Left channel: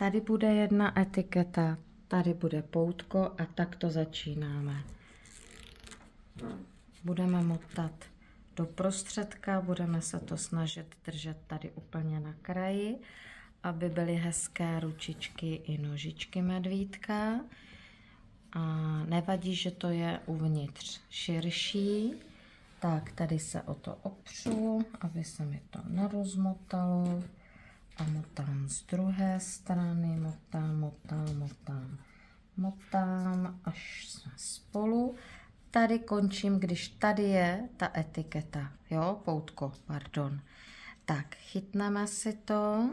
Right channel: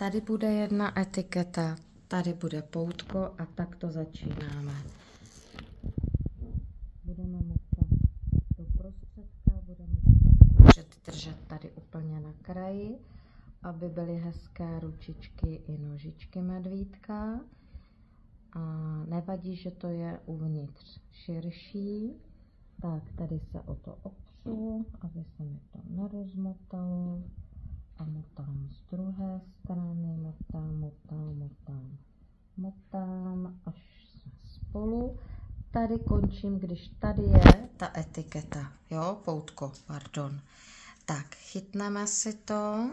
Tady bude jedna etiketa, tady bude poutko a tak to začínáme. Budeme motat do prostředka, budeme se to snažit držet tady úplně na kraji, aby byly hezké ručičky i nožičky medvídka. A nevadí, že to je uvnitř širší. Tak, tady se o to opřu, aby se mi to nerozmotalo. A motám z druhé strany, motám, až jsme spolu. Tady končím, když tady je ta etiketa, jo, poutko, pardon. Tak, chytneme si to,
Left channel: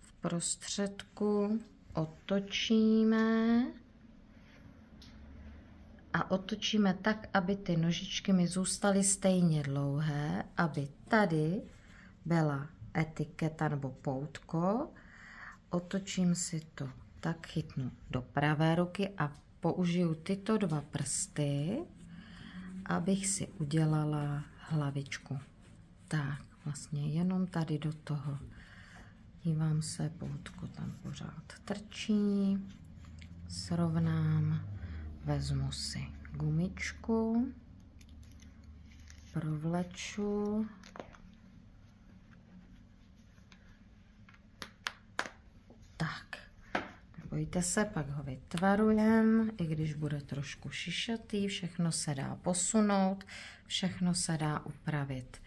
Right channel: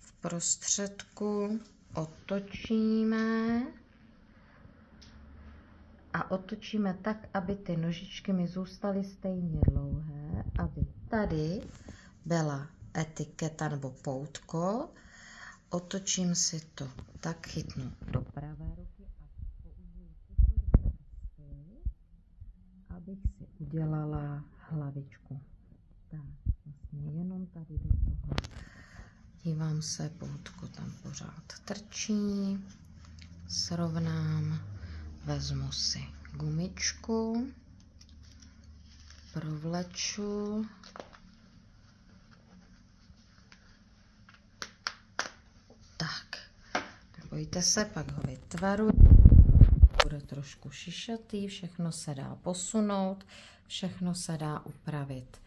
v prostředku otočíme a otočíme tak, aby ty nožičky mi zůstaly stejně dlouhé, aby tady byla etiketa nebo poutko. Otočím si to, tak chytnu do pravé ruky a použiju tyto dva prsty, abych si udělala hlavičku. Tak, vlastně jenom tady do toho. Dívám se, poutko tam pořád trčí. Srovnám, vezmu si gumičku, provleču. Tak, nebojte se, pak ho vytvarujem, i když bude trošku šišatý, všechno se dá posunout, všechno se dá upravit.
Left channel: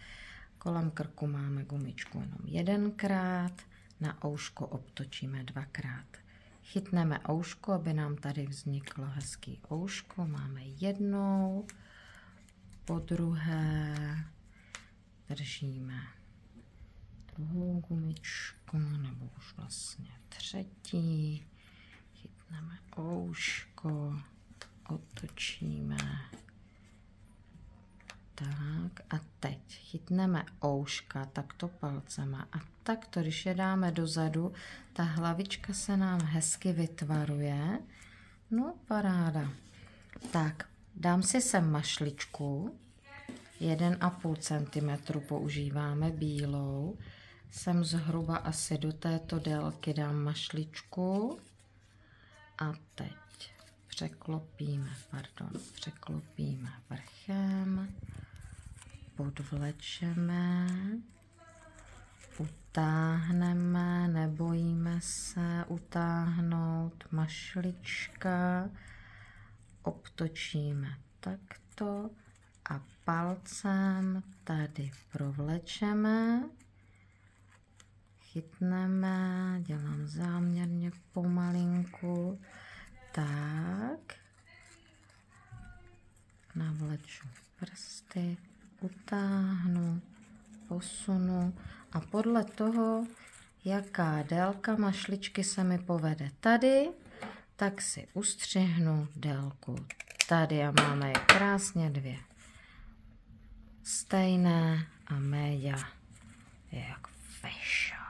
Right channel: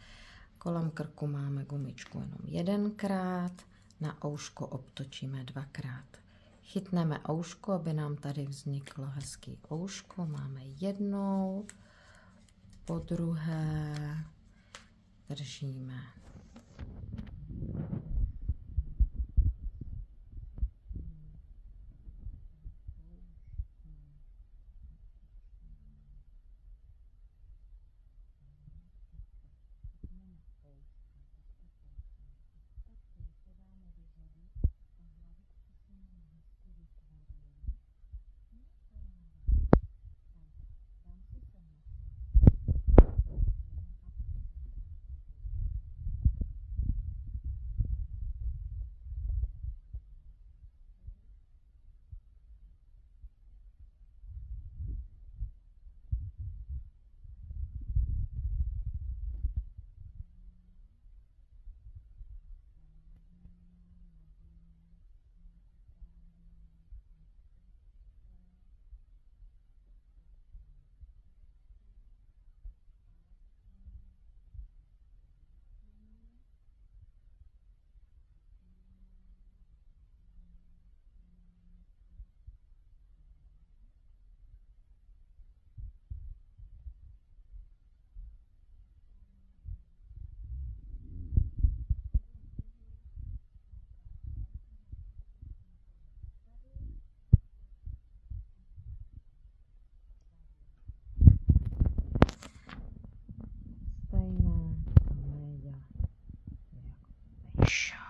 Kolem krku máme gumičku jenom jedenkrát, na ouško obtočíme dvakrát. Chytneme ouško, aby nám tady vzniklo hezký ouško, máme jednou, po druhé držíme druhou gumičku, nebo už vlastně třetí, chytneme ouško, otočíme, tak a teď chytneme ouška takto palcema a takto, když je dáme dozadu, ta hlavička se nám hezky vytvaruje, no paráda. Tak, dám si sem mašličku, 1,5 cm používáme bílou, sem zhruba asi do této délky dám mašličku a teď překlopíme vrchem, podvlečeme, utáhneme, nebojíme se utáhnout, mašlička, obtočíme takto a palcem tady provlečeme, chytneme, dělám záměrně pomalinku, tak, navleču prsty, utáhnu, posunu a podle toho, jaká délka mašličky se mi povede tady, tak si ustřihnu délku tady a máme je krásně dvě stejné a média je jak fešo.